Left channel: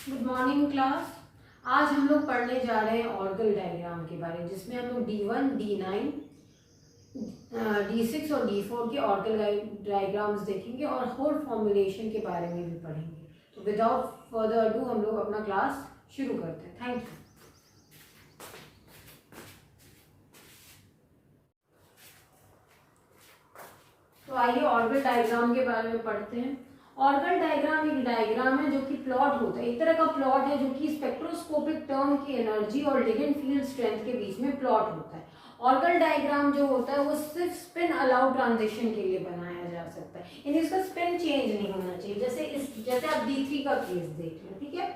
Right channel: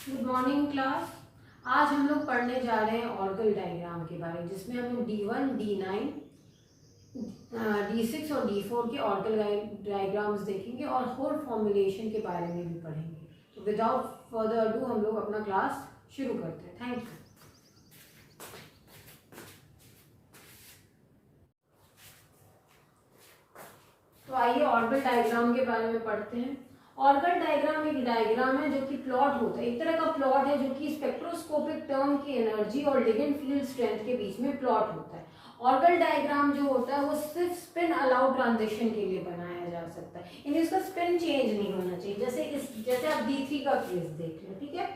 Good morning class. आज हम लोग पढ़ने जा रहे हैं ऑर्गल डायग्राम के बारे में, जिसमें हम लोग D1, D9, D6 और D4 के ऑर्गल डायग्राम्स देखेंगे और होल फॉर्मुलेशन के बारे में भी पढ़ेंगे। तो विदाउट फर्दर अडू हम लोग अपना क्लास शुरू करते हैं। Thank you. तो आइए ऑर्गल डायग्राम के बारे में पढ़ते हैं। ऑर्गल डायग्राम एक डायग्राम है जो कि प्लॉट होता है, एक तरह का प्लॉट है जो कि स्पेक्ट्रोस्कोपिक टर्म की एनर्जी और लिगेंड फील्ड स्ट्रेंथ के बीच में प्लॉट होता है। ऑर्गल डायग्राम जो होता है वो सिर्फ स्पिन अलाउ ट्रांजिशन के लिए बनाया जा सकता है, यानी इसका स्पिन चेंज नहीं होना चाहिए। जैसे आप D3 का केस देख रहे हैं, ठीक है।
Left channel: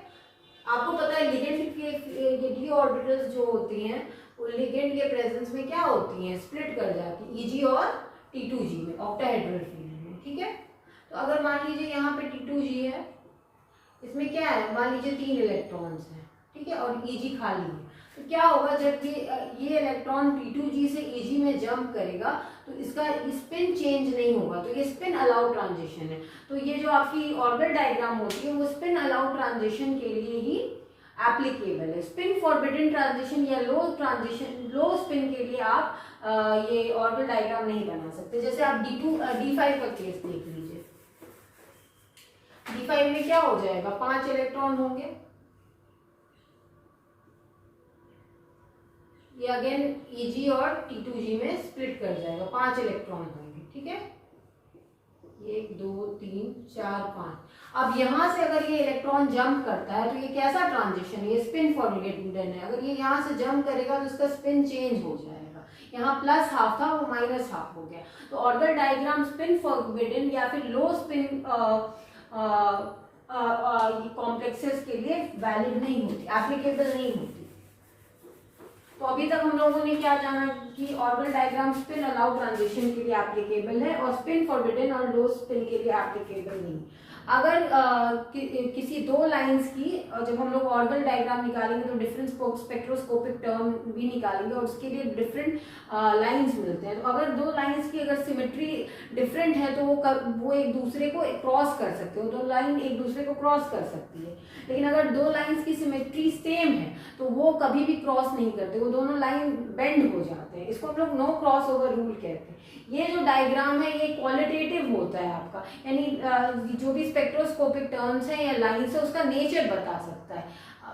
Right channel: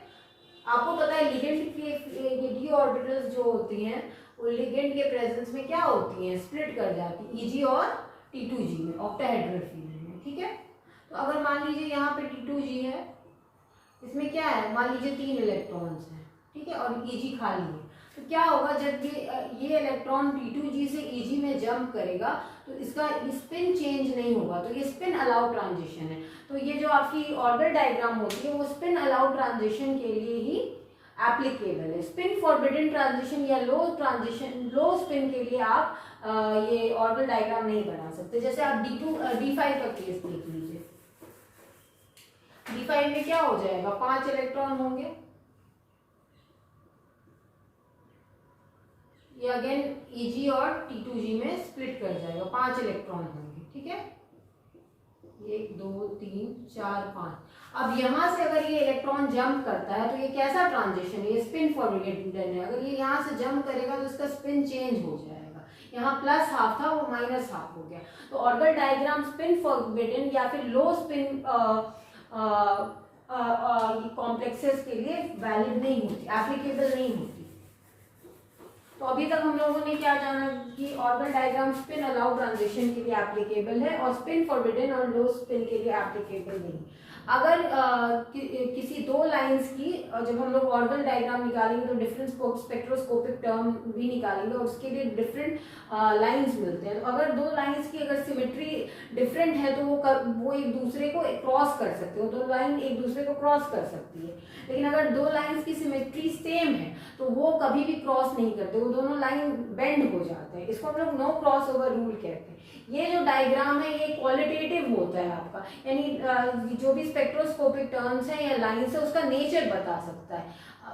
आपको पता है लिगेंड के डी ऑर्बिटल्स जो होती हैं वो लिगेंड के प्रेजेंस में क्या होती हैं, स्प्लिट कर जाती है Eg और T2G में, ऑक्टाहेड्रल फील्ड में, ठीक है। तो अगर मान लीजिए यहाँ पे T2G है, इसमें क्या है, मान लीजिए 3 इलेक्ट्रॉन्स हैं, ठीक है, और Eg खाली है, तो क्या होगा जब ये इलेक्ट्रॉन T2G से Eg में जंप करेगा तो इसका स्पिन चेंज नहीं होगा, तो ये स्पिन अलाउ ट्रांजिशन है। तो ये जो आपकी ऑर्गल डायग्राम होती है वो स्पिन अलाउ ट्रांजिशन के लिए ही एप्लीकेबल है। स्पिन फॉरबिडन ट्रांजिशन या लो स्पिन के लिए आप ये ऑर्गल डायग्राम नहीं बना सकते। जैसे आप D5 का केस देख लीजिए। D5 में क्या हो जाएगा, 5 इलेक्ट्रॉन होंगे, ये अगेन Eg और T2G में स्प्लिट कर जाएगा, 5 इलेक्ट्रॉन होंगे, ठीक है। 1 2 3 4 5। अब यहां से अगर ये इलेक्ट्रॉन जंप करता है तो ये कैसा ट्रांजिशन है, ये स्पिन फॉरबिडन है। अगर ये यहाँ से जंप करेगा तो इसका स्पिन चेंज हो जाएगा, यहाँ प्लस हाफ था वो माइनस हाफ हो गया। तो ऑर्गल डायग्राम स्पिन फॉरबिडन या फिर लो स्पिन कॉम्प्लेक्सेस के लिए वैलिड नहीं होती, एप्लीकेबल नहीं होती। तो अभी तक हम लोगों ने क्या जाना कि Orgel diagram spin allow transition के लिए एप्लीकेबल है और स्पिन फॉरबिडन और लो स्पिन के लिए एप्लीकेबल नहीं। अगर किसी दो लाइंस की जब हम लोग ऑर्गल डायग्राम निकालेंगे तो डिफरेंट स्पेक्ट्रोस्कोपिक टर्म भी निकालेंगे और उसके लिए डिफरेंट लाइंस मिलते हैं। तो अगर दो लाइंस की अगर सिमेट्री डिफरेंट है तो वो एक दूसरे को क्रॉस कर सकते हो, दो लाइन एक दूसरे को क्रॉस कर सकती है। लेकिन अगर दो लाइंस की सिमेट्री सेम है तो वो कभी भी क्रॉस नहीं करते, वो दोनों लाइन बेंड हो जाते हैं। इसको हम लोग नो क्रॉस ओवर रूल कहते हैं। ये जो डायग्राम है ये क्वालिटेटिव होता है आपका, यानी जो भी स्पेक्ट्रोस्कोपिक टर्म्स है या लाइंस है उसका नेचर बता सकता है,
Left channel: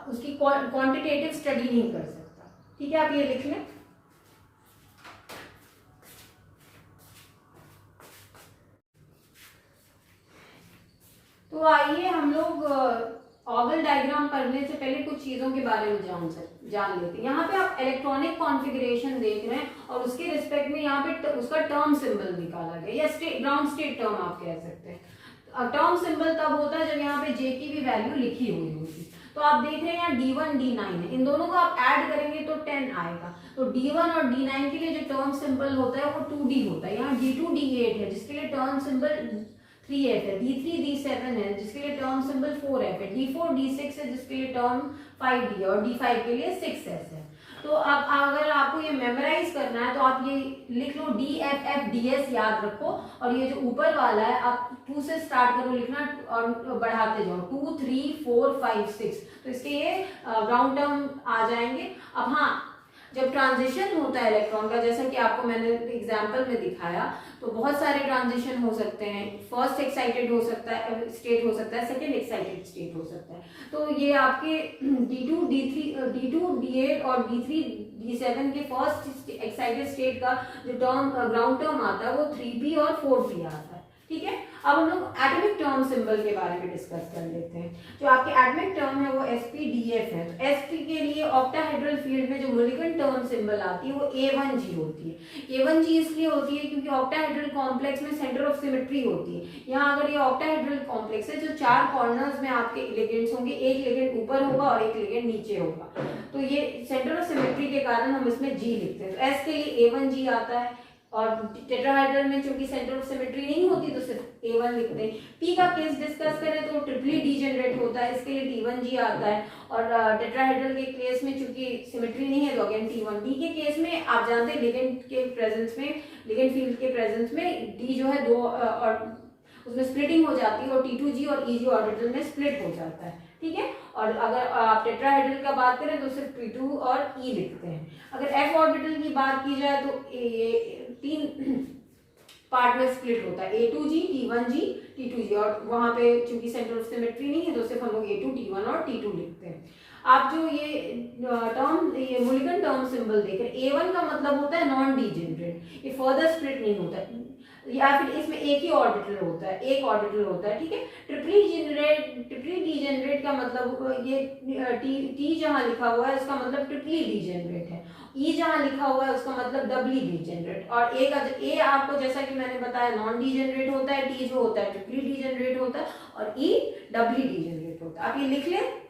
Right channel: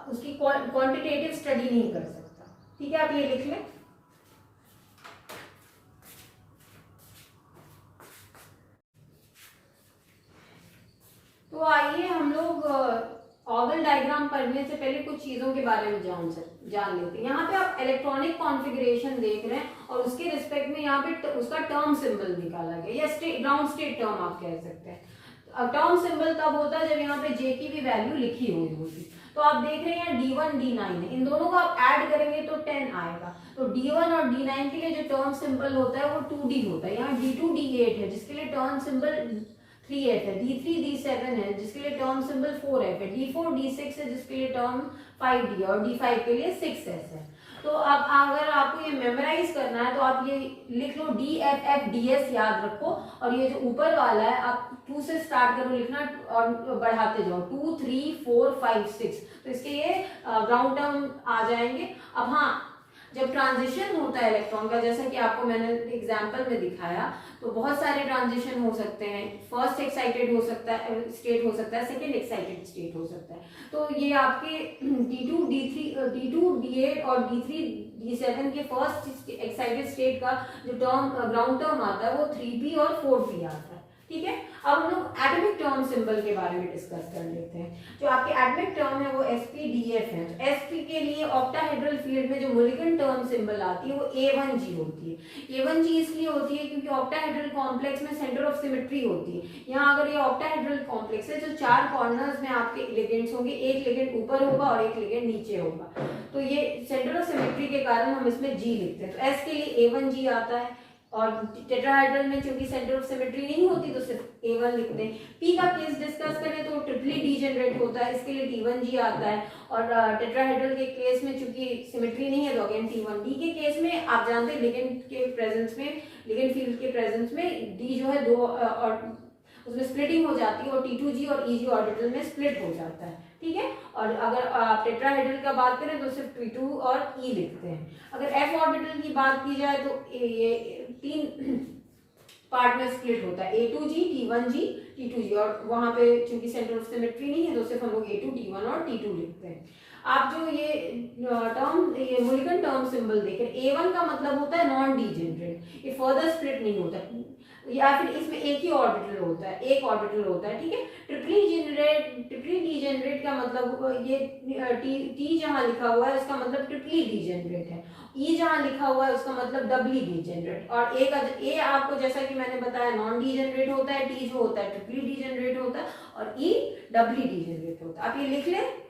उसकी क्वांटिटेटिव स्टडी नहीं कर सकता, ठीक है। आप ये लिख लें। तो आइए हम लोग ऑर्गल डायग्राम पढ़ने से पहले कुछ चीजों के बारे में जान लेते हैं। यहाँ पे आप इलेक्ट्रॉनिक कॉन्फ़िगरेशन देख रहे हैं और उसके रिस्पेक्ट में यहाँ पे उसका टर्म सिंबल निकाला गया या ग्राउंड स्टेट टर्म आप कह सकते हैं। टर्म सिंबल तब होता है जब यहाँ पे J की भी वैल्यू लिखी हुई होगी। तो आप देख रहे हैं यहाँ D1 D9 है, इन दोनों को आप ऐड करेंगे तो 10 आएगा। तो D1 और D9 के लिए जो टर्म सिंबल होता है वो 2D होता है। यहाँ D2 D8 है जिसके लिए टर्म सिंबल 3F है, D3 D7 है जिसके लिए टर्म सिंबल 4F है, D4 D6 है जिसके लिए टर्म 5D है और D5 के लिए 6S है। तो अब अगर आपको ये मेमोराइज करना है तो आप ये लिख लो DFFDS याद रखो, और ये जो ऊपर वाला है आप 2 से स्टार्ट करो लिखना और बढ़ाते जाओ 2 3 4 5 6। तो इसके ये ग्राउंड टर्म आ जाएंगे। अब हाँ, जब ट्रांजिशन होता है इलेक्ट्रॉन का, जैसा कि आपको मैंने एग्जांपल में दिखाया, तो बहुत सारे ट्रांजिशन हो सकते हैं। फर्स्ट एक्साइटेड हो सकता है स्टेट हो सकता है, सेकंड एक्साइटेड स्टेट हो सकता है। तो ये आपके D2 D8 और D3 D7 के फर्स्ट एक्साइटेड स्टेट का जो टर्म ग्राउंड टर्म आता है वो 3p और 4p आता है, ठीक है। अब हम लोग एटॉमिक टर्म सिंबल के बारे में डिस्कस कर लेते हैं। जो आपके एटॉमिक टर्म है वो sp-df है। तो sp के लिए ऑक्टाहेड्रल फील्ड में जो मॉलिक्यूलर टर्म सिंबल आती है वो A1G होती है। A1G इसलिए होती है क्योंकि ऑक्टाहेड्रल कॉम्प्लेक्स में सेंटर ऑफ सिमेट्री होती है। यहाँ अगर ये ऑक्टाहेड्रल कॉम्प्लेक्स है जो 4 कॉर्नर्स में आपके लिगेंड्स होंगे, एक लिगेंड ऊपर होगा और एक लिगेंड नीचे होगा, तो ये सेंटर ऑफ सिमेट्री के कारण हम इसमें G लिखते हैं। तो S के लिए A1G आता है और टेट्राहेड्रल में चूंकि सेंटर ऑफ सिमेट्री नहीं होती तो सिर्फ A1 लिखते हैं। P का केस डिस्कस करें तो ट्रिपली डीजेनरेट होता है, इसके लिए T1G आता है। और टेट्राहेड्रल के केस में चूंकि सिमेट्री नहीं है तो अगेन T1। D के केस में आप जानते हैं लिगेंड के प्रेजेंस में, लिगेंड फील्ड के प्रेजेंस में D जो है 2 और उसमें स्प्लिटिंग हो जाती है और T2G और Eg ऑर्बिटल में स्प्लिट हो जाता है, ठीक है। और अगर आप टेट्राहेड्रल का बात करें तो सिर्फ T2 और E लिखते हैं। अगर f ऑर्बिटल की बात की जाए तो ये 3 पार्ट में स्प्लिट होता है, A2G, T1G, T2G, और वहां पे चूंकि सेंटर ऑफ सिमेट्री नहीं है तो सिर्फ हम लोग A2, T1 और T2 लिखते हैं। आप जो ये टर्म, ये मूलिकन टर्म सिंबल देख रहे हैं, A1 का मतलब होता है नॉन डीजेनरेट, ये फर्दर स्प्लिट नहीं होता है, या फिर इसमें एक ही ऑर्बिटल होता है, एक ऑर्बिटल होता है, ठीक है। ट्रिपली डीजेनरेट का मतलब ये टी जहां लिखा हुआ है उसका मतलब ट्रिपली डीजेनरेट है, ई जहां लिखा हुआ है उसका मतलब डबली डीजेनरेट, और ए आपको जैसा कि मैंने बताया नॉन डीजेनरेट होता है, टी जो होता है ट्रिपली डीजेनरेट होता है, और ई डबली डीजेनरेट होता है। आप ये लिख लें।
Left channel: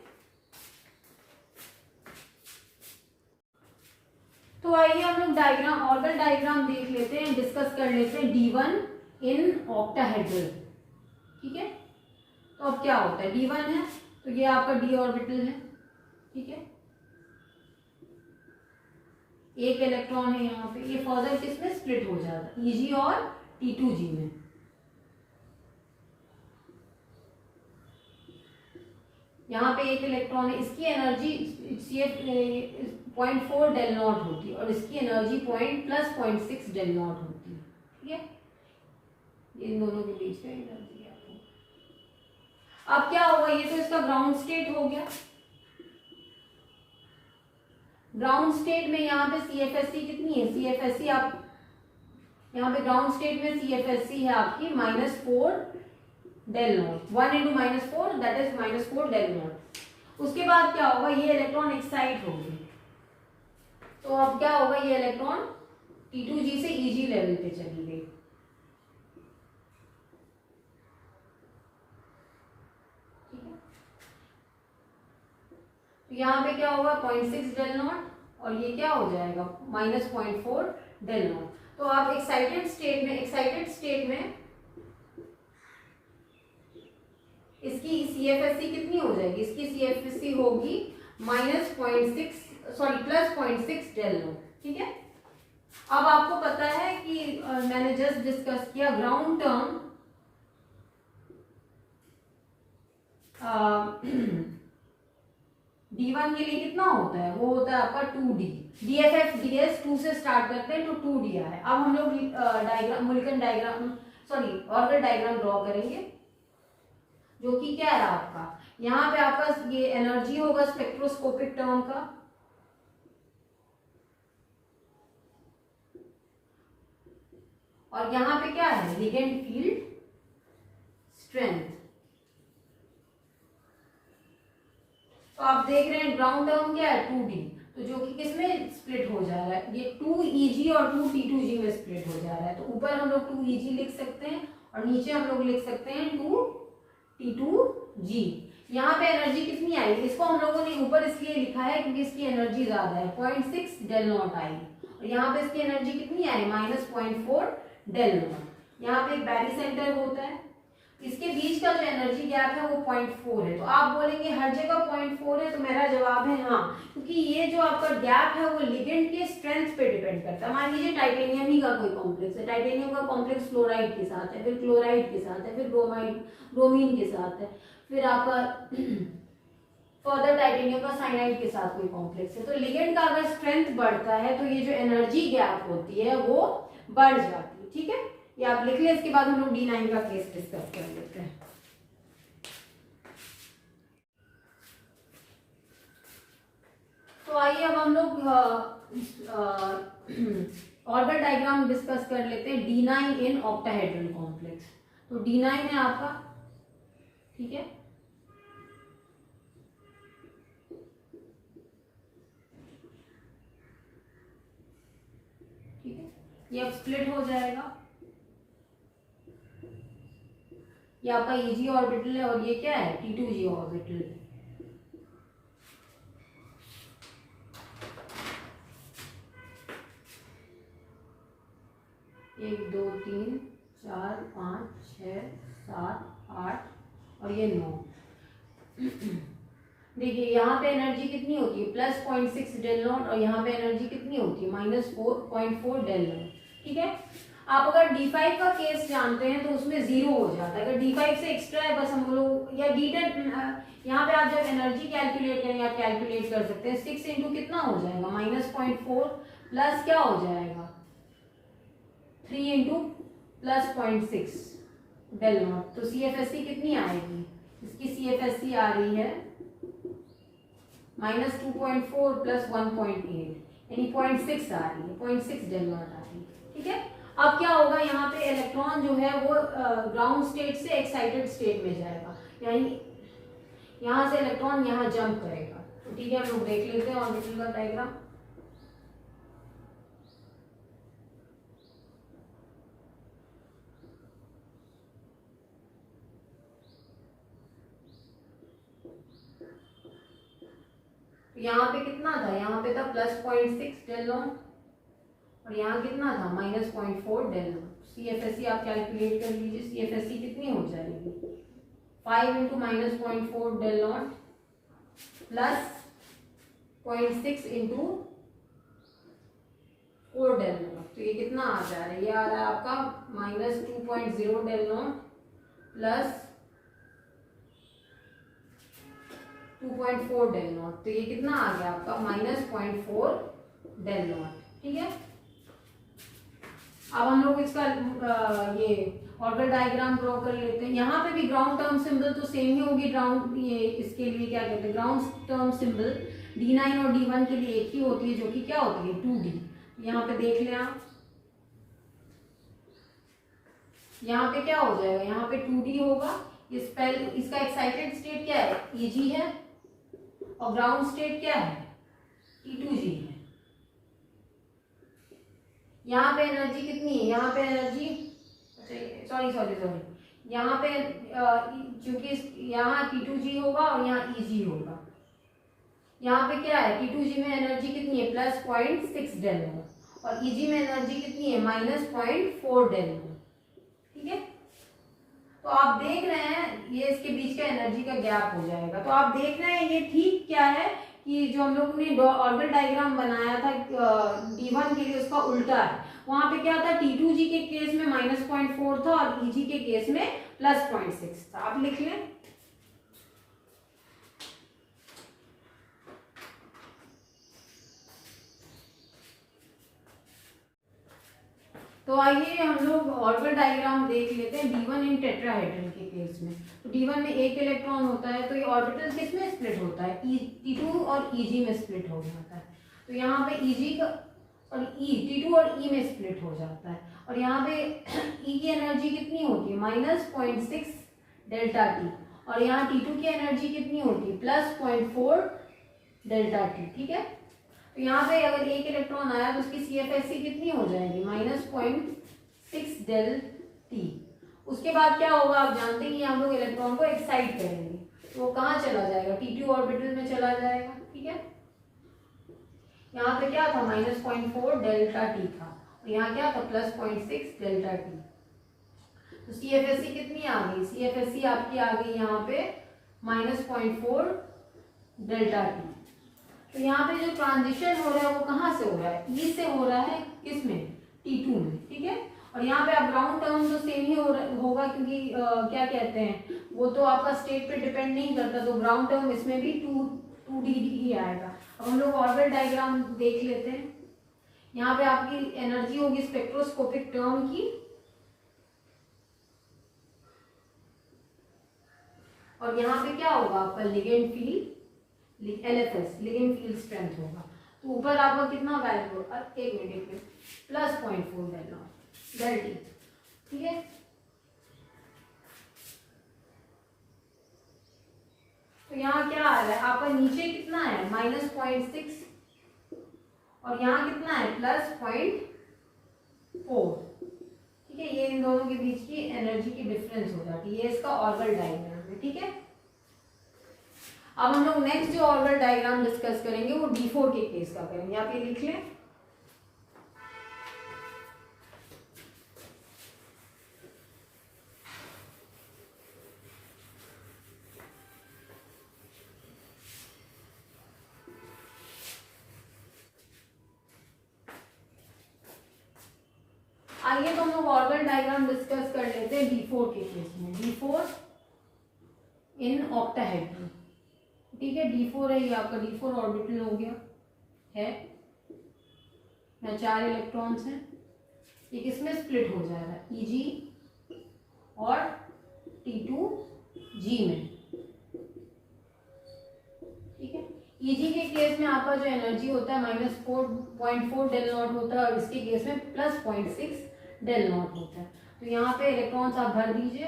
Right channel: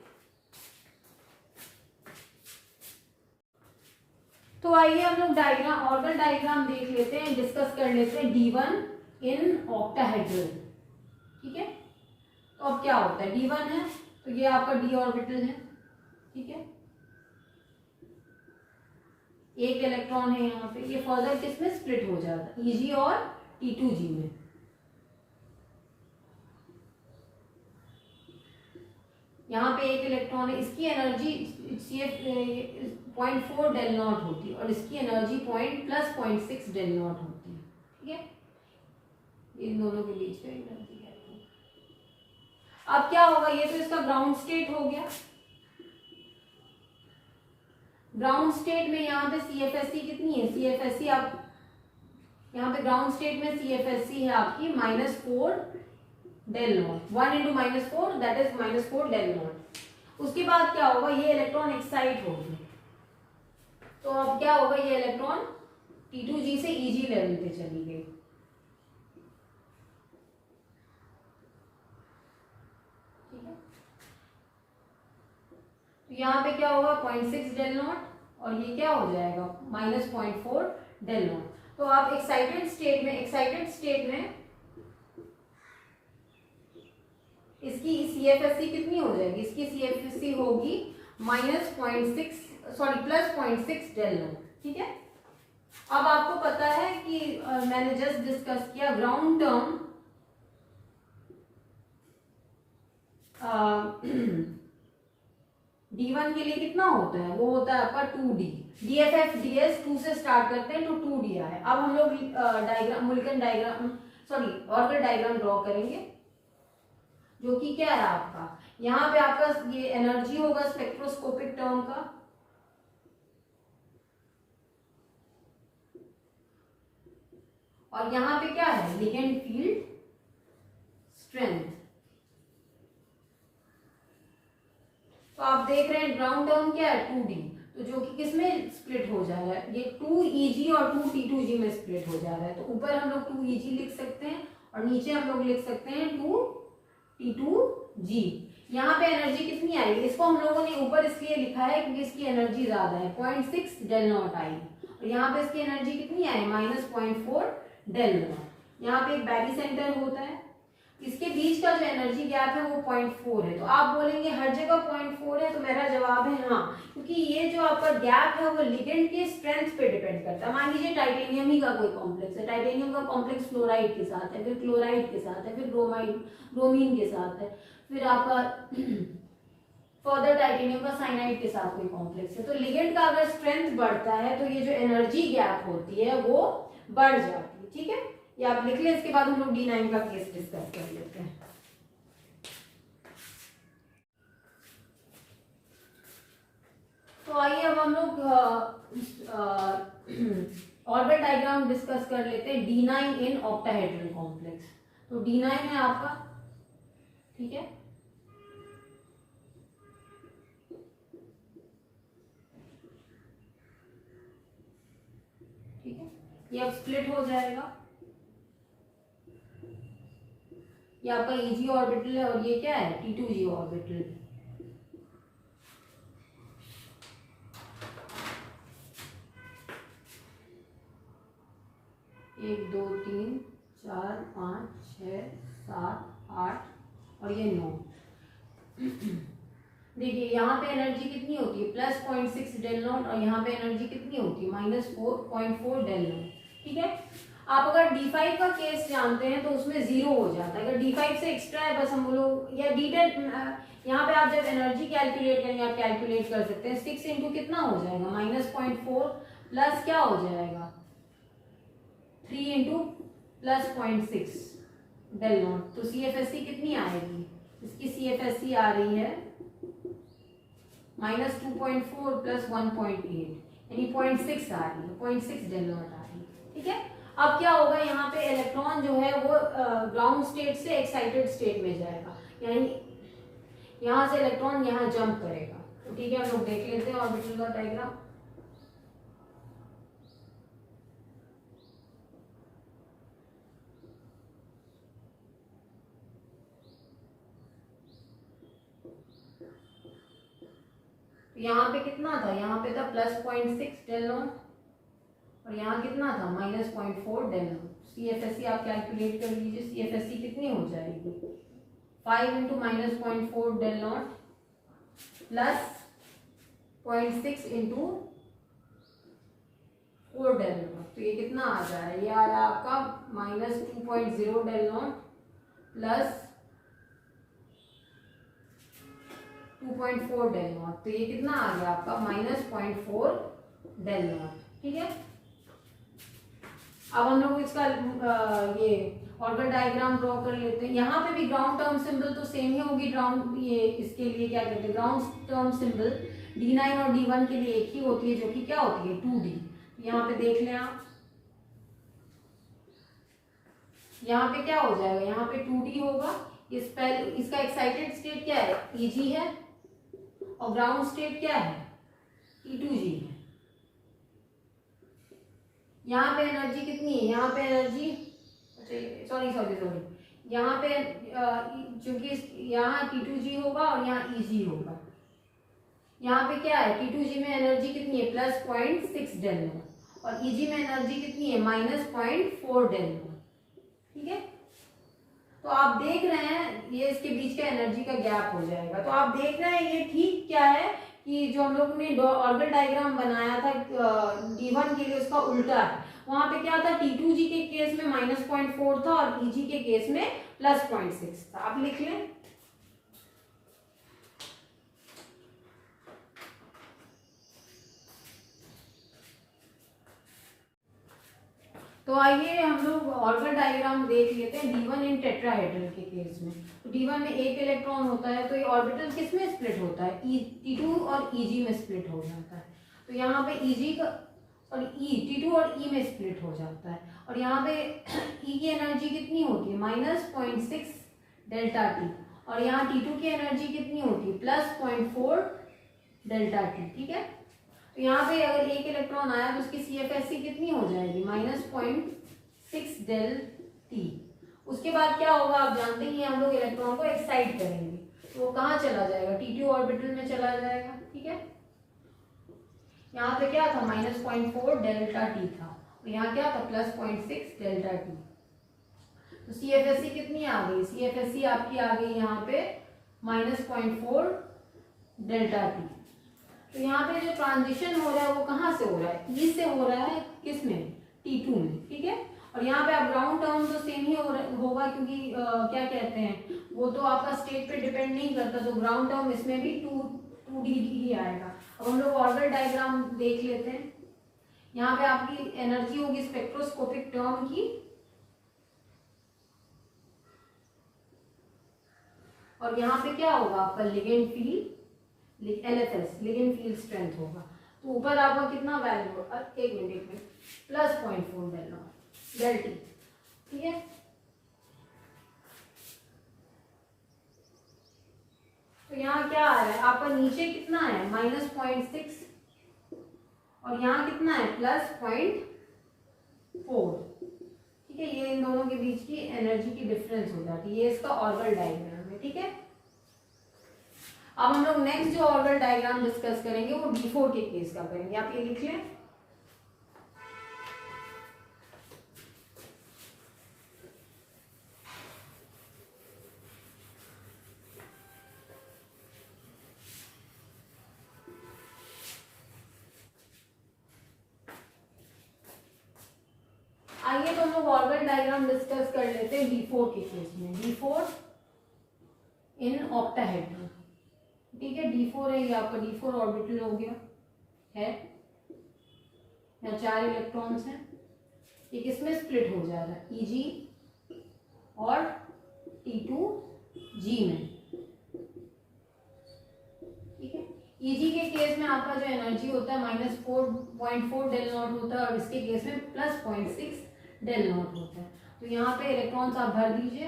तो आइए हम लोग डायग्राम, ऑर्बिटल डायग्राम देख लेते हैं, डिस्कस कर लेते हैं D1 इन ऑक्टाहेड्रल, ठीक है। तो अब क्या होता है, D1 है तो ये आपका D ऑर्बिटल है, ठीक है, एक इलेक्ट्रॉन है यहाँ पे, ये फर्दर किसमें स्प्लिट हो जाता है, Eg और T2G में। यहाँ पे एक इलेक्ट्रॉन है, इसकी एनर्जी CF 0.4 डेल नॉट होती है और इसकी एनर्जी +0.6 डेल नॉट होती है, ठीक है। इन दोनों के बीच का एनर्जी गैप होगा। अब क्या होगा, ये तो इसका ग्राउंड स्टेट हो गया। ग्राउंड स्टेट में यहाँ पे CFSE कितनी है, CFSE आप यहाँ पे ग्राउंड स्टेट में CFSE है आपकी -4 del naught, 1 × -4 that is -4 del naught. उसके बाद क्या होगा, ये इलेक्ट्रॉन एक्साइट होगी, तो अब क्या होगा, ये इलेक्ट्रॉन T2G से Eg लेवल पे चली गई, ठीक है। तो यहाँ पे क्या होगा 0.6 डेल नॉट, और ये क्या हो जाएगा -0.4 डेल नॉट। तो आप एक्साइटेड स्टेट में इसकी CFSE कितनी हो जाएगी, इसकी CFSE होगी +0.6 डेल नॉट, ठीक है। अब आपको पता है कि मैंने जस्ट डिस्कस किया ग्राउंड टर्म D1 के लिए कितना होता है, वो होता है आपका 2D, DFF DS 2 से स्टार्ट करते हैं तो 2 दिया है। अब हम लोग diagram, Mulliken diagram, sorry orbital diagram draw करेंगे, जो कि क्या है आपका, यहाँ पे आपका ये एनर्जी होगा स्पेक्ट्रोस्कोपिक टर्म का, और यहाँ पे क्या है लिगेंड फील्ड स्ट्रेंथ। तो आप देख रहे हैं ग्राउंड टर्म क्या है 2D, तो जो कि किसमें स्प्लिट हो जा रहा है, ये 2Eg और 2T2G में स्प्लिट हो जा रहा है। तो ऊपर हम लोग 2Eg लिख सकते हैं और नीचे हम लोग लिख सकते हैं 2T2G। यहाँ पे एनर्जी कितनी आई, इसको हम लोगों ने ऊपर इसलिए लिखा है क्योंकि इसकी एनर्जी ज्यादा है, 0.6 डेल नॉट आई, और यहाँ पे इसकी एनर्जी कितनी आई -0.4 डेल नॉट। यहाँ पे एक बैरी सेंटर होता है, इसके बीच का जो एनर्जी गैप है वो 0.4 है। तो आप बोलेंगे हर जगह 0.4 है, तो मेरा जवाब है हाँ, क्योंकि ये जो आपका गैप है वो लिगेंड के स्ट्रेंथ पे डिपेंड करता है। मान लीजिए टाइटेनियम ही का कोई कॉम्प्लेक्स है, टाइटेनियम का कॉम्प्लेक्स फ्लोराइड के साथ है, फिर क्लोराइड के साथ है, फिर ब्रोमीन के साथ है, फिर आपका फर्दर टाइटेनियम का साइनाइड के साथ कोई कॉम्प्लेक्स है, तो लिगेंड का अगर स्ट्रेंथ बढ़ता है तो ये जो एनर्जी गैप होती है वो बढ़ जाती है, ठीक है। ये आप लिख लें, इसके बाद हम लोग D9 का केस डिस्कस कर लेते हैं। तो आइए अब हम लोग ऑर्बिटल डायग्राम डिस्कस कर लेते हैं D9 इन ऑक्टाहेड्रल कॉम्प्लेक्स। तो D9 है आपका, ठीक है, ठीक है, ये अब स्प्लिट हो जाएगा, ये आपका Eg ऑर्बिटल है और ये क्या है T2G ऑर्बिटल। 1 2 3 4 5 6 7 8 और ये 9। देखिए यहाँ पे एनर्जी कितनी होती है +0.6 डेल नॉट, और यहाँ पे एनर्जी कितनी होती है -4.4 डेल नॉट, ठीक है। आप अगर D5 का केस जानते हैं तो उसमें 0 हो जाता है। अगर D5 से एक्स्ट्रा है बस हम लोग, या यहाँ पे आप जब एनर्जी कैलकुलेट करेंगे आप कैलकुलेट कर सकते हैं। 6 इंटू कितना हो जाएगा, -0.4 प्लस क्या हो जाएगा 3 इंटू प्लस 0.6 डेल नॉट। तो CFSC कितनी आएगी, इसकी CFSC आ रही है -2.4 प्लस 1.8 यानी 0.6 आ रही है, 0.6 डेल नॉट आ रही है। ठीक है, अब क्या होगा, यहाँ पे इलेक्ट्रॉन जो है वो ग्राउंड स्टेट से एक्साइटेड स्टेट में जाएगा, यानी यहाँ से इलेक्ट्रॉन यहाँ जंप करेगा। तो ठीक है, हम लोग देख लेते हैं ऑर्बिटल का डायग्राम। यहाँ पे कितना था, यहाँ पे था +0.6 डेल नॉट और यहाँ कितना था -0.4 डेल नॉट। CFSC आप कैलकुलेट कर लीजिए, CFSC कितनी हो जाएगी 5 into -0.4 del naught plus 0.6 into 4 del naught. तो ये कितना आ जा रहा है, ये आ रहा है आपका -2.0 del naught plus 2.4 del naught. तो ये कितना आ गया आपका -0.4 डेल नॉट। ठीक है, अब हम लोग इसका ये ऑर्बिटल डायग्राम ड्रॉ कर लेते हैं। यहाँ पे भी ग्राउंड टर्म सिंबल तो सेम ही होगी, ग्राउंड ये इसके लिए क्या कहते हैं, ग्राउंड टर्म सिंबल D9 और D1 के लिए एक ही होती है, जो कि क्या होती है 2D। यहाँ पे देख लें आप, यहाँ पे क्या हो जाएगा, यहाँ पे 2D होगा। इसका एक्साइटेड स्टेट क्या है, Eg है, और ग्राउंड स्टेट क्या है T2G है। यहाँ पे एनर्जी कितनी है, यहाँ पे एनर्जी सॉरी यहाँ पे चूंकि यहाँ T2G होगा और यहाँ Eg होगा। यहाँ पे क्या है, T2G में एनर्जी कितनी है +0.6 डेल नॉट और Eg में एनर्जी कितनी है -0.4 डेल नॉट। ठीक है, तो आप देख रहे हैं ये इसके बीच का एनर्जी का गैप हो जाएगा। तो आप देख रहे हैं ये ठीक क्या है कि जो हम लोग ने ऑर्बिटल डायग्राम बनाया था D1 के लिए उसका उल्टा है। वहां पे क्या था, T2G के केस में -0.4 था और Eg के केस में +0.6 था। आप लिख लें, तो आइए हम लोग ऑर्बिटल डायग्राम देख लेते हैं D1 इन टेट्राहेड्रल के केस में। तो D1 में एक इलेक्ट्रॉन होता है, तो ये ऑर्बिटल किस में स्प्लिट होता है, T2 और Eg में स्प्लिट हो जाता है। तो यहाँ पे Eg का और T2 और E में स्प्लिट हो जाता है, और यहाँ पे E की एनर्जी कितनी होती है -0.6 डेल्टा T, और यहाँ T2 की एनर्जी कितनी होती है +0.4 डेल्टा T। ठीक है, तो यहाँ पे अगर एक इलेक्ट्रॉन आया तो उसकी CFSC कितनी हो जाएगी -0.6 डेल T। उसके बाद क्या होगा, आप जानते ही हम लोग इलेक्ट्रॉन को एक्साइट करेंगे, तो वो कहाँ चला जाएगा, T2 ऑर्बिटल में चला जाएगा। ठीक है, यहाँ पे क्या था -0.4 डेल्टा T था और यहाँ क्या था +0.6 डेल्टा T। तो CFSC कितनी आ गई, CFSC आपकी आ गई यहाँ पे -0.4 डेल्टा T। तो यहाँ पे जो ट्रांजिशन हो रहा है वो कहाँ से हो रहा है, E से हो रहा है, किसमें T2 में। ठीक है, और यहाँ पे आप ग्राउंड टर्म तो सेम ही होगा क्योंकि क्या कहते हैं वो तो आपका स्टेट पे डिपेंड नहीं करता, तो ग्राउंड टर्म इसमें भी 2D ही आएगा। अब हम लोग ऑर्बिटल डायग्राम देख लेते हैं। यहाँ पे आपकी एनर्जी होगी स्पेक्ट्रोस्कोपिक टर्म की, और यहाँ पे क्या होगा आपका ligand field LFS ligand field strength होगा। तो ऊपर आपका कितना वैल्यू होगा, एक minute +0.4 del naught del T। ठीक है, तो यहाँ क्या आ रहा है आपका, नीचे कितना है -0.6 और यहाँ कितना है +0.4। ठीक है, ये इन दोनों के बीच की एनर्जी की डिफरेंस हो जाती है, ये इसका ऑर्बिटल डायग्राम है। ठीक है, अब हम लोग नेक्स्ट जो ऑर्बिटल डायग्राम डिस्कस करेंगे वो D4 के केस का करेंगे। आप ये लिख लें, आइए तो हम लोग ऑर्बिटल डायग्राम डिस्कस कर लेते हैं D4 के केस में। D4 इन ऑक्टाहेड्रल, ठीक है। D4 है, ये आपका D4 ऑर्बिटल हो गया है, यहाँ 4 इलेक्ट्रॉन्स हैं, ये किसमें स्प्लिट हो जा रहा है, Eg और T2G में, ठीक है। Eg के केस में आपका जो एनर्जी होता है -4.4 डेल नॉट होता है, और इसके केस में +0.6 डेल नॉट होता है। तो यहाँ पे इलेक्ट्रॉन्स आप भर दीजिए।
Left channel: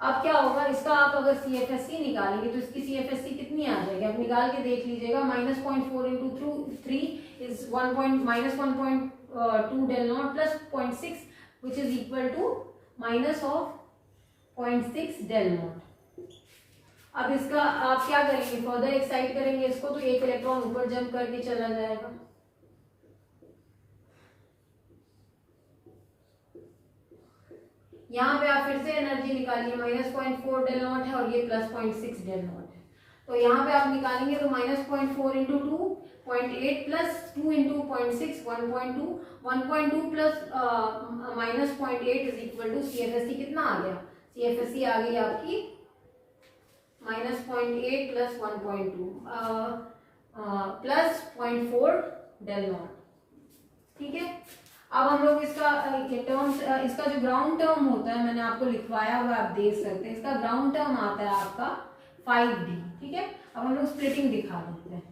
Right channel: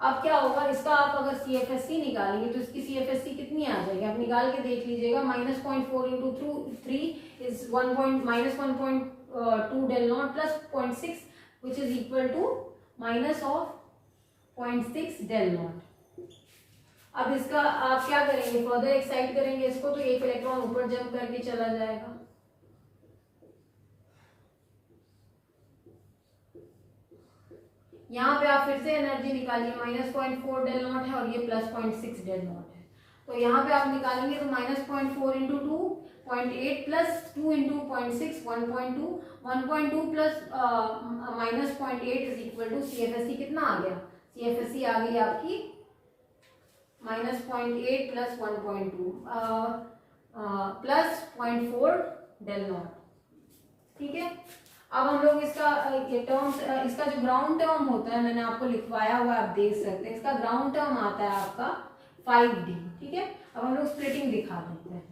अब क्या होगा, इसका आप अगर CFSC निकालेंगे तो इसकी CFSC कितनी आ जाएगी, आप निकाल के देख लीजिएगा। -0.4 into 3 is -1.2 del naught plus 0.6 which is equal to -0.6 del naught। अब इसका आप क्या करेंगे, फर्दर एक्साइट करेंगे इसको, तो एक इलेक्ट्रॉन ऊपर जंप करके चला जाएगा। यहाँ पे आप फिर से एनर्जी निकालिए, -0.4 डेल नॉट है और ये +0.6 डेल नॉट है। तो यहाँ पे आप निकालेंगे तो -0.4 into 2 0.8 plus 2 into 0.6 1.2 1.2 plus -0.8 is equal to CFSC कितना आ गया, CFSC आ गई आपकी -0.8 plus 1.2 plus 0.4 डेल नॉट, ठीक है। अब हम लोग इसका टर्म्स, इसका जो ग्राउंड टर्म होता है मैंने आपको लिखवाया हुआ, आप देख सकते हैं। इसका ग्राउंड टर्म आता है आपका 5D, ठीक है। अब हम लोग स्प्लिटिंग दिखा देते हैं।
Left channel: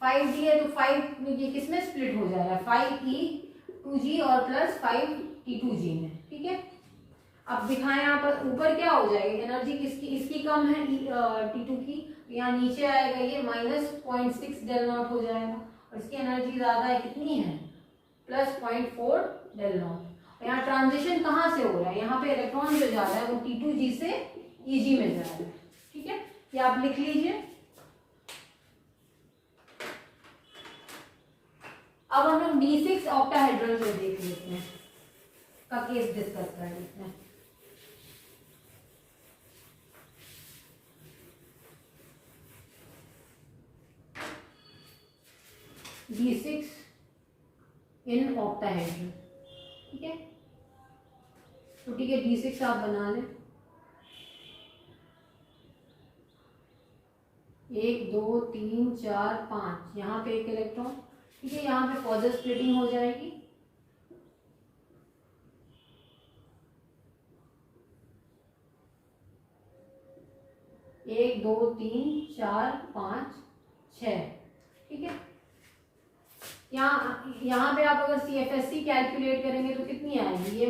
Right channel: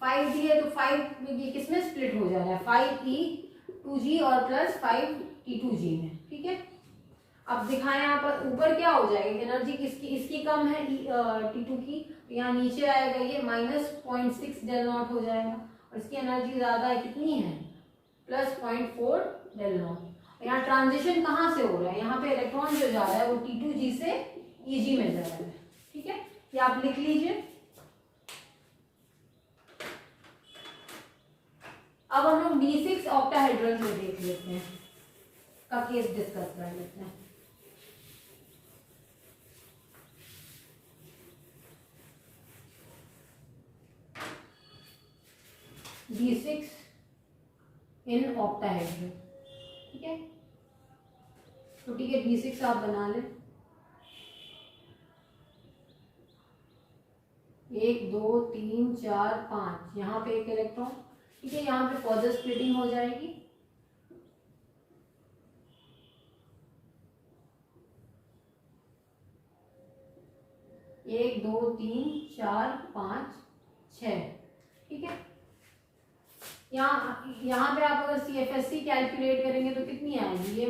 5D है तो 5 ये किसमें स्प्लिट हो जा रहा है, 5E2G और प्लस 5T2G में, ठीक है। अब दिखाएं यहाँ पर ऊपर क्या हो जाएगी, एनर्जी किसकी, इसकी कम है T2 की, यहाँ नीचे आएगा ये -0.6 डेल नॉट हो जाएगा, और इसकी एनर्जी ज्यादा है, कितनी है, +0.4 डेल नॉट। यहाँ ट्रांजिशन कहाँ से हो रहा है, यहाँ पे इलेक्ट्रॉन जो जा रहा है वो T2G से Eg में जा रहा है, ठीक है। ये आप लिख लीजिए। अब हम लोग D6 ऑक्टाहेड्रल में देख लेते हैं, का केस डिस्कस कर लेते हैं। D6 इन ऑक्टाहेड्रल, ठीक है। तो ठीक है, D6 आप बना लें, 1 2 3 4 5, यहाँ पे एक इलेक्ट्रॉन, ठीक है। यहाँ पे फर्दर स्प्लिटिंग हो जाएगी, एक 2 3 4 5 6, ठीक है। यहाँ पे आप अगर CFSC कैलकुलेट करेंगे तो कितनी आएगी, ये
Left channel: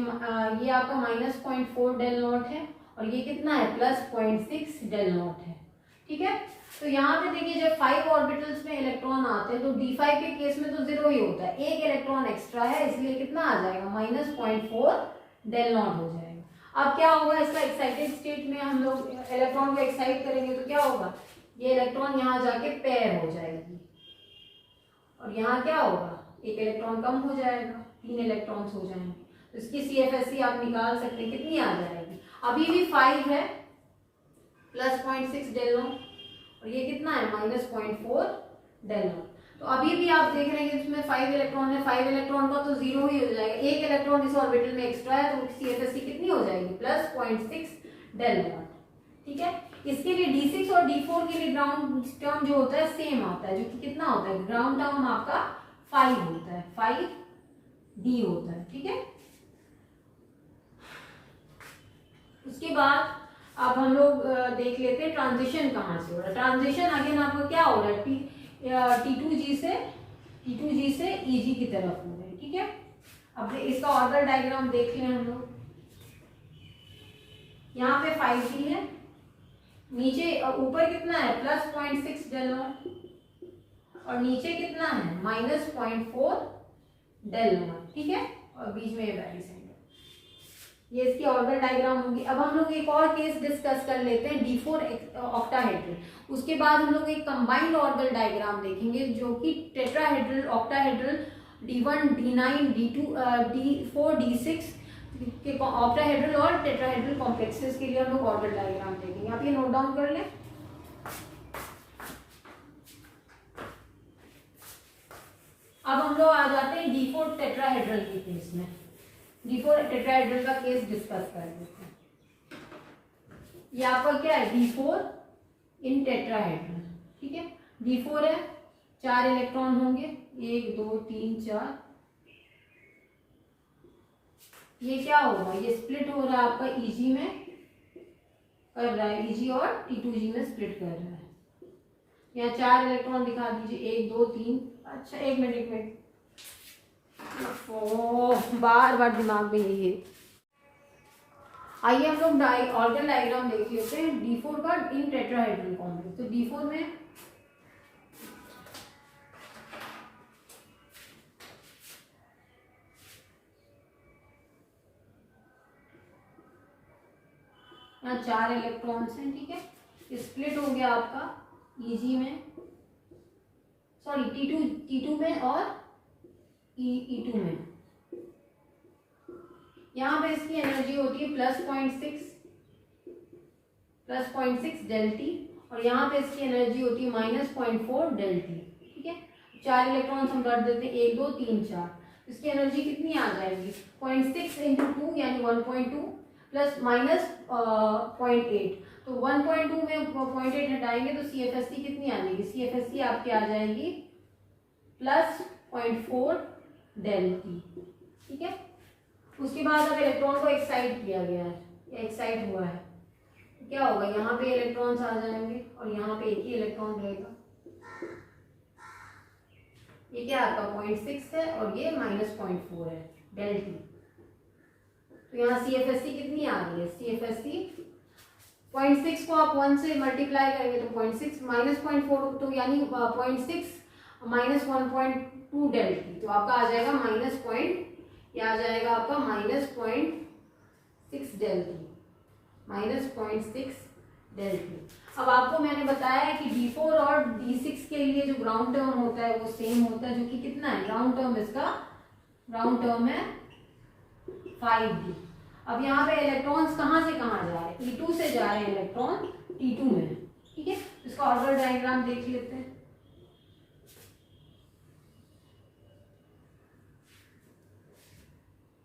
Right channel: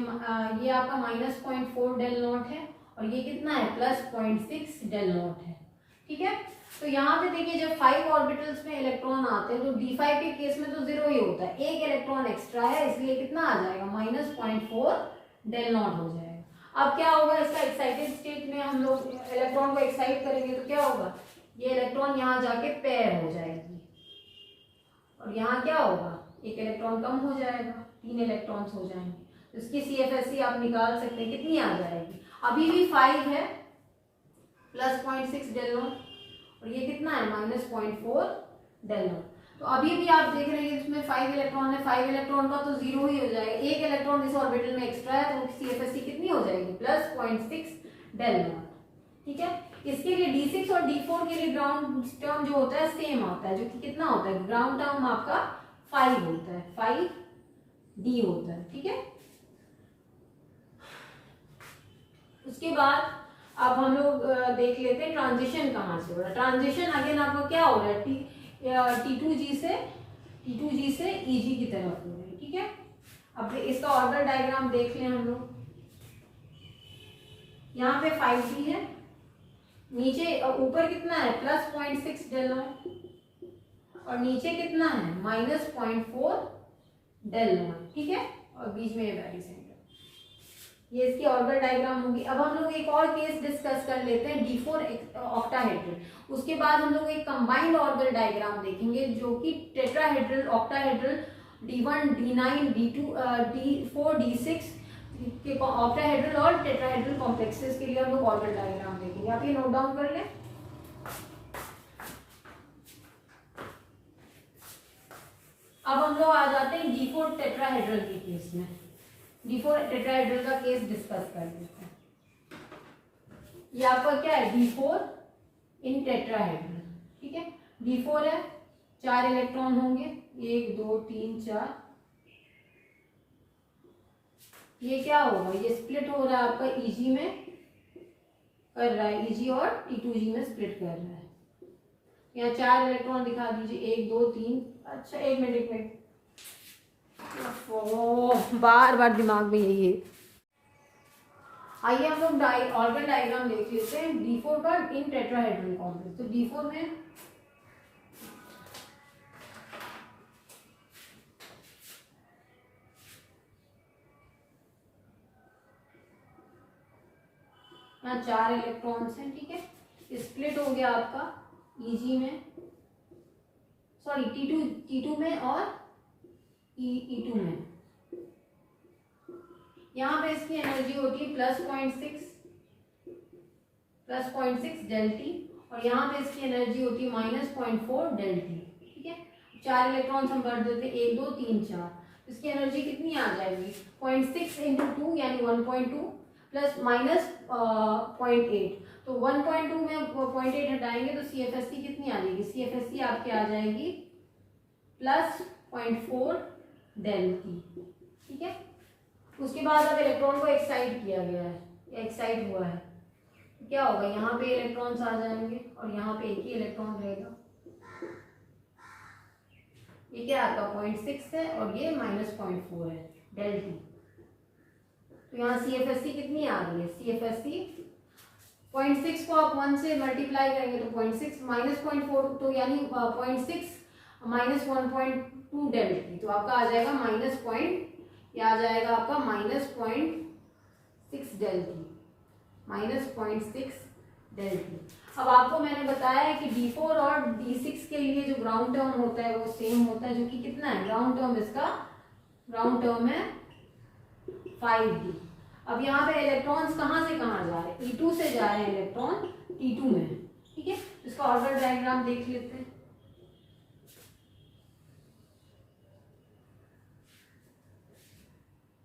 आपका -0.4 डेल नॉट है, और ये कितना है, +0.6 डेल नॉट है, ठीक है। तो यहाँ पे देखिए, जब 5 ऑर्बिटल्स में इलेक्ट्रॉन आते हैं तो D5 के केस में तो 0 ही होता है, एक इलेक्ट्रॉन एक्स्ट्रा है, इसलिए कितना आ जाएगा, -0.4 डेल नॉट हो जाएगा। अब क्या होगा, इसका एक्साइटेड स्टेट में हम लोग इलेक्ट्रॉन को एक्साइट करेंगे तो क्या होगा, ये इलेक्ट्रॉन यहाँ जाके पेयर हो जाएगी, और यहाँ क्या होगा, एक इलेक्ट्रॉन कम हो जाएगा, 3 इलेक्ट्रॉन्स हो जाएंगे। तो इसकी CFSC आप निकाल सकते हैं, कितनी आ जाएगी, अभी भी 5 है, +0.6 डेल नॉट, और ये कितना है, -0.4 डेल नॉट। तो अभी भी आप देख रहे हैं इसमें 5 इलेक्ट्रॉन है, 5 इलेक्ट्रॉन का तो 0 ही हो जाएगा, एक इलेक्ट्रॉन जिस ऑर्बिटल में एक्स्ट्रा है तो CFSC कितनी हो जाएगी, +0.6 डेल नॉट, ठीक है। इसके लिए D6 और D4 के लिए ग्राउंड टर्म जो होता है सेम आता है, जो कि कितना होता है, ग्राउंड टर्म आपका 5 होता है, 5D होता है, ठीक है। उसके बाद अब हम लोग देख लेते हैं ट्रांजिशन कहाँ से हो रहा है। ट्रांजिशन अगेन आपको क्या हो रहा है, T2G से Eg की तरफ हो रहा है, ठीक है। अब इसका ऑर्बिटल डायग्राम देख लें हम लोग, यहाँ पे 5D है, नीचे ऊपर कितना है, +0.6 डेल नॉट, और नीचे कितना है, -0.4 डेल नॉट, ठीक है, और बीच में ये बैरी सेंटर, ये इसकी ऑर्बिटल डायग्राम होगी। अब हम लोग एक और केस डिस्कस कर लेते हैं, D4 ऑक्टाहेड्रल। उसके बाद हम लोग एक कंबाइंड ऑर्बिटल डायग्राम देखेंगे जो कि tetrahedral, octahedral, D1 D9 D2 D4 D6 के ऑक्टाहेड्रल और टेट्राहेड्रल कॉम्प्लेक्सेस के लिए हम लोग ऑर्बिटल डायग्राम देखेंगे। आप ये नोट डाउन कर लें। अब हम हम लोग आ जाते हैं D4 टेट्राहेड्रल के केस में। D4 टेट्राहेड्रल का केस डिस्कस कर लेते हैं। ये आपका क्या है, D4 इन टेट्राहेड्रल, ठीक है। D4 है, 4 इलेक्ट्रॉन होंगे, 1 2 3 4। ये क्या होगा, ये स्प्लिट हो रहा है आपका Eg में कर रहा है, Eg और T2G में स्प्लिट कर रहा है। यहाँ 4 इलेक्ट्रॉन दिखा दीजिए, 1 2 3। अच्छा एक मिनट, बार बार दिमाग में यही है। आइए हम लोग ऑर्गन डायग्राम देख लेते हैं D4 का इन टेट्राहेड्रल कॉम्प्लेक्स। तो D4 में यहाँ 4 इलेक्ट्रॉन्स हैं, ठीक है। स्प्लिट हो गया आपका Eg में, सॉरी T2 में और E2 में। यहाँ पे इसकी एनर्जी होती है +0.6 डेल टी, और यहाँ पे इसकी एनर्जी होती है -0.4 डेल टी, ठीक है। 4 इलेक्ट्रॉन्स हम कर देते हैं, 1 2 3 4। इसकी एनर्जी कितनी आ जाएगी, 0.6 × 2 यानी 1.2 प्लस -0.8। तो 1.2 में 0.8 हटाएंगे तो CFSC कितनी आ जाएगी, CFSC आपकी आ जाएगी +0.4 डेल टी, ठीक है। उसके बाद अब इलेक्ट्रॉन को एक्साइट किया गया है, एक्साइट हुआ है, क्या होगा, यहाँ पे इलेक्ट्रॉन्स आ जाएंगे और यहाँ पे एक ही इलेक्ट्रॉन रहेगा। ये क्या आपका 0.6 है और ये -0.4 है डेल टी। तो यहाँ CFSC कितनी आ रही है, CFSC 0.6 को आप 1 से मल्टीप्लाई करेंगे तो 0.6 -0.4, तो यानी 0.6 -1.2 डेल टी, तो आपका आ जाएगा आ जाएगा आपका -0.6 डेल टी, -0.6 डेल टी। अब आपको मैंने बताया है कि D4 और D6 के लिए जो ग्राउंड टर्म होता है वो सेम होता है, जो कि कितना है, ग्राउंड टर्म, इसका ग्राउंड टर्म है 5d। अब यहाँ पे इलेक्ट्रॉन्स कहाँ से कहाँ जा रहे हैं, E2 से जा रहे हैं इलेक्ट्रॉन T2 में, ठीक है। इसका ऑर्डर डायग्राम देख लेते हैं।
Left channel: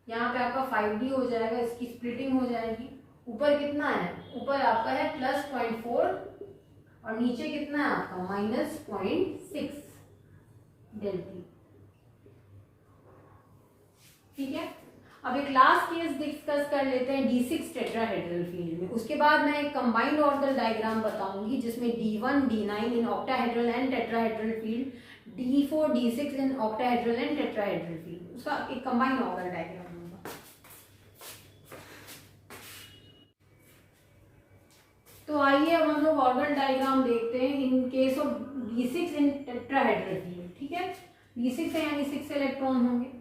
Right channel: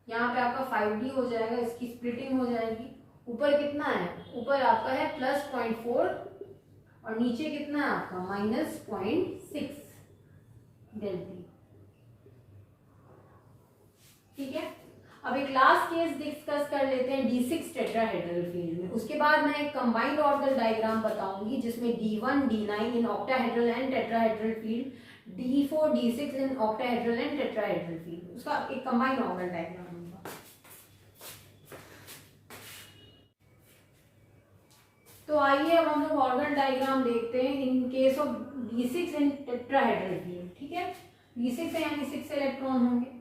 यहाँ पे आपका 5d हो जाएगा, इसकी स्प्लिटिंग हो जाएगी। ऊपर कितना है, ऊपर आपका है +0.4 और नीचे कितना है आपका -0.6 डेल टी, ठीक है। अब एक लास्ट केस डिस्कस कर लेते हैं D6 टेट्राहेड्रल फील्ड में। उसके बाद मैं एक कंबाइंड ऑर्बिटल डायग्राम बताऊंगी जिसमें D1 D9 in octahedral and tetrahedral field, D4 D6 in octahedral and tetrahedral field, उसका एक कंबाइंड ऑर्बिटल डायग्राम होगा। तो आइए अब हम लोग ऑर्बिटल डायग्राम देखते हैं in case of D6 in tetrahedral field, ठीक है। D6 है यानी 6 इलेक्ट्रॉन होंगे।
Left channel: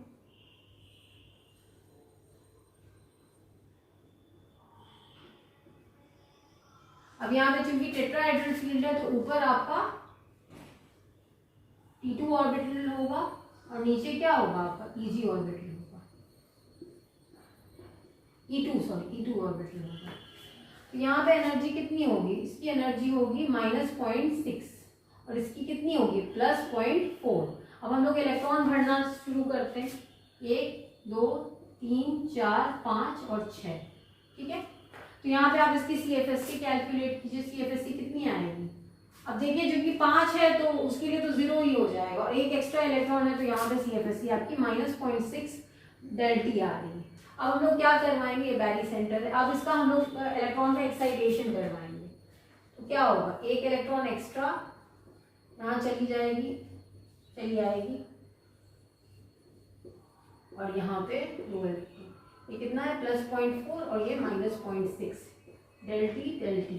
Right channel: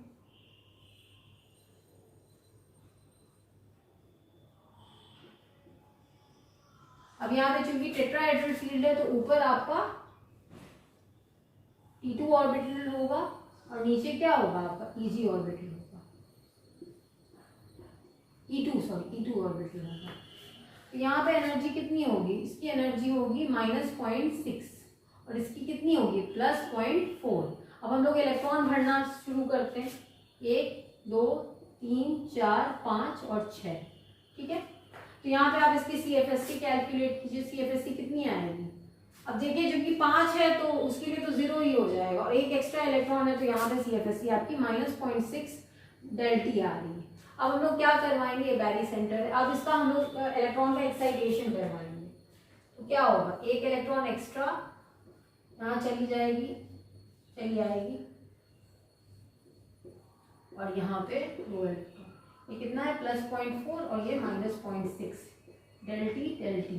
अब यहाँ पे चूंकि टेट्राहेड्रल फील्ड है तो ऊपर आपका T2 ऑर्बिटल होगा और नीचे क्या होगा आपका Eg ऑर्बिटल होगा, E2 ऑर्बिटल होगा। तो यहाँ पे एनर्जी कितनी होगी, इसकी एनर्जी होगी -0.6 और इसकी कितनी होगी +0.4। अब हम लोग इलेक्ट्रॉन भरना शुरू करते हैं, 1 2 3 4 5 और 6, ठीक है। तो यहाँ पे आप इसकी CFSC कैलकुलेट कीजिए, CFSC कितनी आएगी। अब देखिए क्योंकि 5 है तो उसके लिए तो 0 ही हो जाएगा और एक एक्स्ट्रा इलेक्ट्रॉन है तो यहाँ पे CFSC आपकी -0.6 डेल टी आ रही है। अब हम लोग क्या करवाएंगे, बैरी सेंटर है, अब इसका हम लोग इलेक्ट्रॉन का एक्साइटेशन करवाएंगे। तो क्या होगा, एक इलेक्ट्रॉन एक्स्ट्रा यहाँ चली आएगी और यहाँ पे 2 इलेक्ट्रॉन, ये कितना है +0.4 और ये -0.6 डेल टी।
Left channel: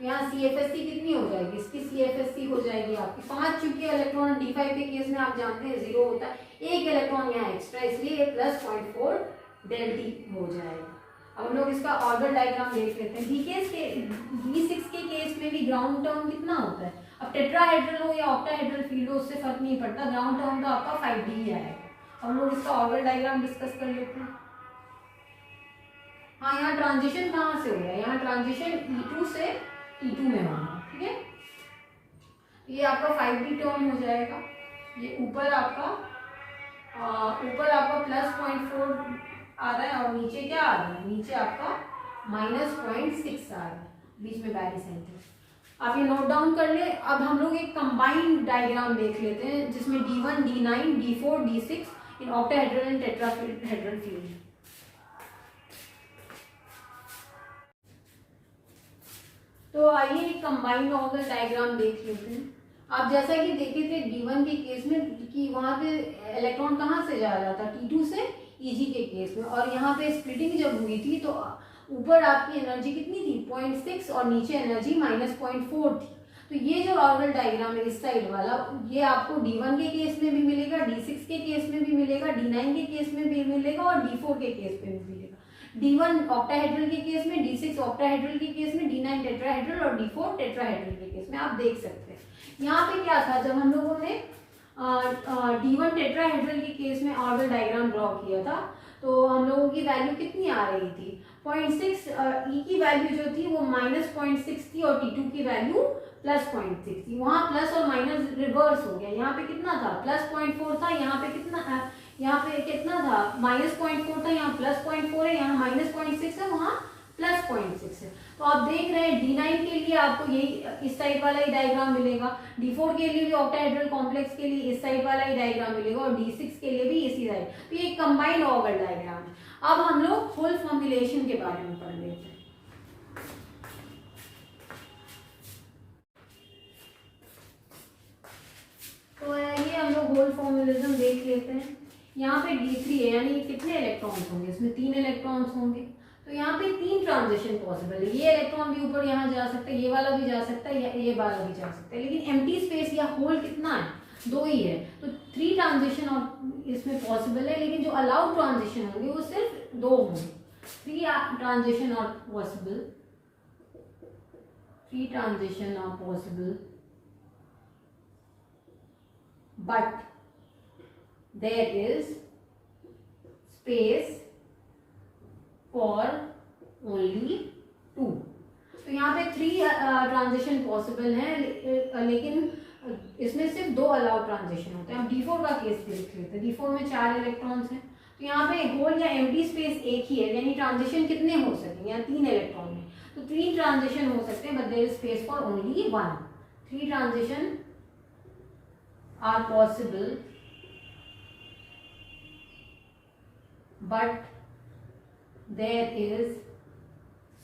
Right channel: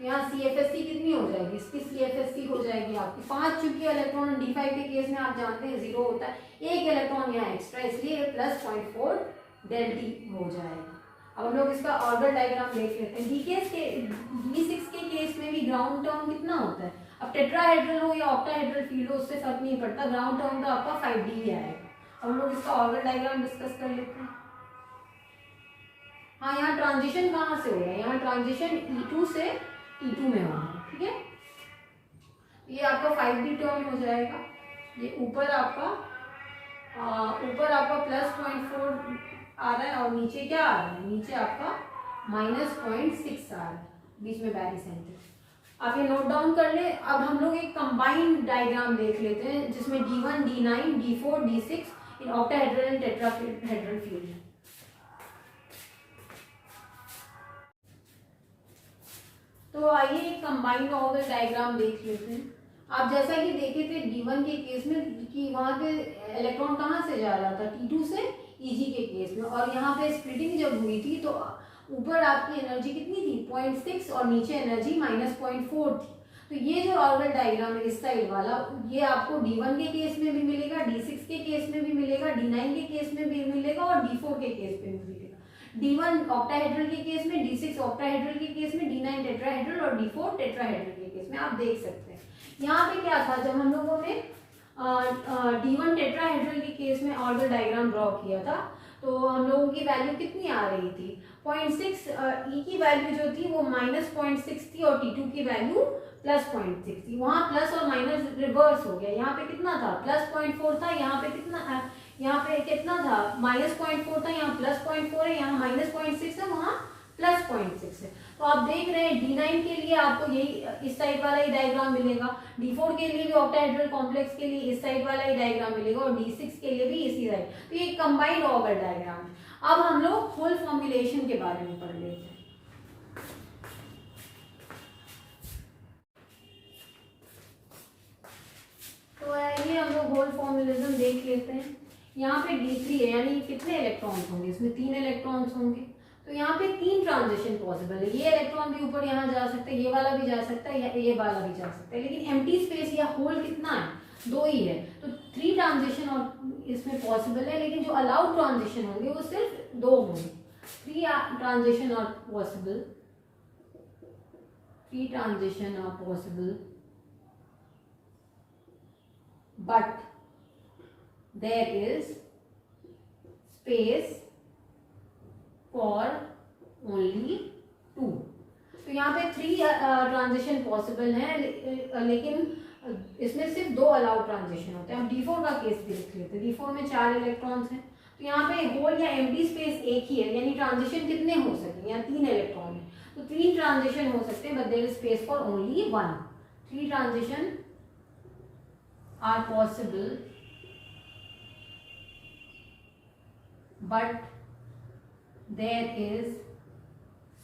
तो यहाँ CFSC कितनी हो जाएगी, इसकी CFSC हो जाएगी आपकी 5, चूंकि इलेक्ट्रॉन D5 के केस में आप जानते हैं 0 होता है, एक इलेक्ट्रॉन यहाँ एक्स्ट्रा, इसलिए +0.4 डेल टी हो जाएगा। अब हम लोग इसका ऑर्बिटल डायग्राम देख लेते हैं। D6 के केस में भी ग्राउंड टर्म कितना होता है, अब टेट्राहेड्रल हो या ऑक्टाहेड्रल फील्ड हो उससे फर्क नहीं पड़ता, ग्राउंड टर्म तो आपका 5d ही आएगा। अब हम लोग इसका ऑर्बिटल डायग्राम डिस्कस कर लेते हैं। हाँ, यहाँ ट्रांजिशन कहाँ से हो गया, यहाँ ट्रांजिशन E2 से T2 में होगा, ठीक है। ये आपका 5d टर्म हो जाएगा, ये ऊपर आपका ऊपर आपका +0.4 आ रहा है और नीचे क्या आ रहा है, नीचे आपका -0.6 आ रहा है, बीच में बैरीसेंटर। आप ये नोट डाउन कर ले। अब हम लोग एक कंबाइंड डायग्राम देख लेते हैं जिसमें D1, D9, D4, D6 in octahedral and tetrahedral field है। तो आइए एक कंबाइंड ऑर्बिटल डायग्राम देख लेते हैं। आप जैसा कि देखे थे D1 के केस में कि वहां पे इलेक्ट्रॉन कहाँ से जा रहा था, T2 से Eg के केस में, और यहाँ पे स्प्लिटिंग जब हुई थी तो ऊपर आपकी एनर्जी कितनी थी 0.6 और नीचे एनर्जी -0.4 थी। तो ये जो ऑर्बिटल डायग्राम है इस साइड वाला, ये आपको D1 के केस में भी मिलेगा, D6 के केस में भी मिलेगा, D9 के केस में भी मिलेगा और D4 के केस में भी मिलेगा। D1 ऑक्टाहेड्रल के केस में, D6 ऑक्टाहेड्रल के केस में, D9 टेट्राहेड्रल और D4 टेट्राहेड्रल के केस में आप देख सकते हैं। यहाँ पे क्या था, जब हम लोगों ने D1 टेट्राहेड्रल के केस में ऑर्बिटल डायग्राम ड्रॉ किया था तो हम लोगों की वैल्यू कितनी आ रही थी 0.6, E की वैल्यू जो थी वो -0.6 थी और T2 की वैल्यू +0.6 थी। वहाँ प्लस और माइनस रिवर्स हो गया, यहाँ पे कितना था +0.4 था, यहाँ पे कितना था -0.4 था, यहाँ +0.4 है, यहाँ -0.6 है, वहाँ +0.6 है। तो आप देख रहे हैं D9 के लिए आपको यही इस साइड वाला ही डायग्राम मिलेगा, D4 के लिए भी ऑक्टाहेड्रल कॉम्प्लेक्स के लिए इस साइड वाला ही डायग्राम मिलेगा और D6 के लिए भी इसी साइड। तो ये कंबाइंड ऑर्बिटल डायग्राम है। अब हम लोग होल फॉर्मुलेशन के बारे में पढ़ लेते हैं। तो ये हम लोग होल फॉर्मुलिज्म देख लेते हैं। यहाँ पे D3 है, यानी कितने इलेक्ट्रॉन्स होंगे, इसमें 3 इलेक्ट्रॉन्स होंगे। तो यहाँ पे 3 ट्रांजिशन पॉसिबल है, ये इलेक्ट्रॉन भी ऊपर यहाँ जा सकता है, ये वाला भी जा सकता है, ये वाला भी जा सकता है, लेकिन एम्प्टी स्पेस या होल कितना है, 2 ही है। तो 3 ट्रांजिशन और इसमें पॉसिबल है, लेकिन जो अलाउड ट्रांजिशन होंगे वो सिर्फ 2 होंगे। 3 transition are possible, 3 transition are possible, but there is space for only 2। तो यहाँ पे 3 ट्रांजिशन पॉसिबल हैं, लेकिन इसमें सिर्फ 2 अलाउड ट्रांजिशन होते हैं। हम D4 का केस भी देख लेते हैं। D4 में 4 इलेक्ट्रॉन्स हैं, तो यहाँ पे होल या एम्प्टी स्पेस एक ही है, यानी ट्रांजिशन कितने हो सकते हैं, यहाँ 3 इलेक्ट्रॉन है तो 3 ट्रांजिशन हो सकते हैं, but there is space for only 1। 3 transition are possible, but there is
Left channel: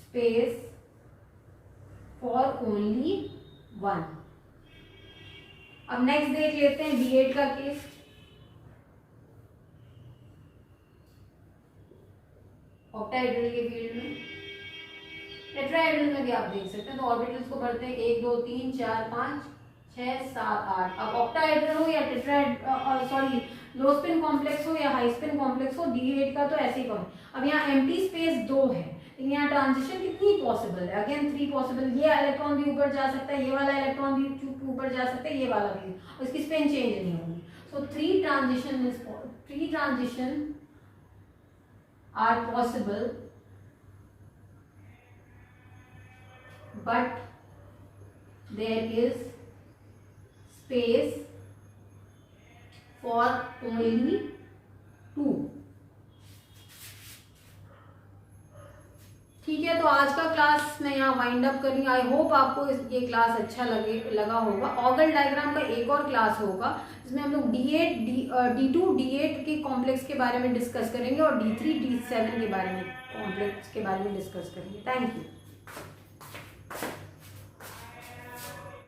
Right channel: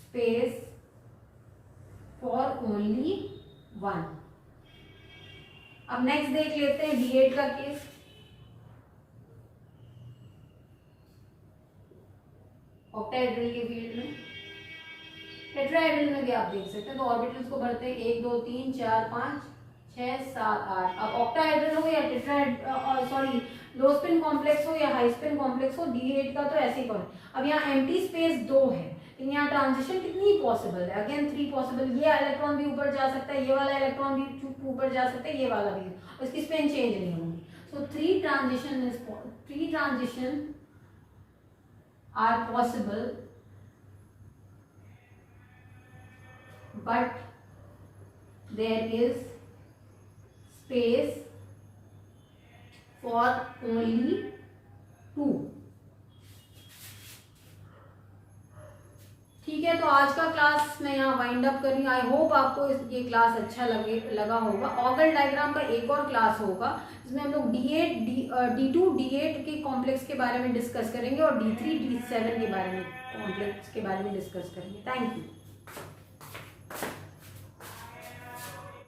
space for only 1। अब नेक्स्ट देख लेते हैं D8 का केस। ऑक्टाहेड्रल के फील्ड में, टेट्राहेड्रल में भी आप देख सकते हैं। तो ऑर्बिटल्स को बढ़ते हैं 1 2 3 4 5 6 7 8। अब ऑक्टाहेड्रल हो या लो स्पिन कॉम्प्लेक्स हो या हाई स्पिन कॉम्प्लेक्स हो, D8 का तो ऐसे ही करें। अब यहाँ एम्प्टी स्पेस 2 है, यहाँ ट्रांजिशन कितनी पॉसिबल है, अगेन 3 पॉसिबल। ये इलेक्ट्रॉन भी ऊपर जा सकता है, ये वाला इलेक्ट्रॉन भी ऊपर जा सकता है, ये वाला भी, और इसकी स्पिन चेंज नहीं होगी। सो 3 transition are possible, but there is space for only 2। ठीक है, तो आज का क्लास मैं यहाँ वाइंड अप कर रही हूँ। आई होप आपको ये क्लास अच्छा लगा होगा। ऑर्बिटल डायग्राम का एक और क्लास होगा जिसमें हम लोग D2 D8 के कॉम्प्लेक्स के बारे में डिस्कस करेंगे और D3 D7 के बारे में कॉम्प्लेक्स के बारे में डिस्कस करेंगे। Thank you.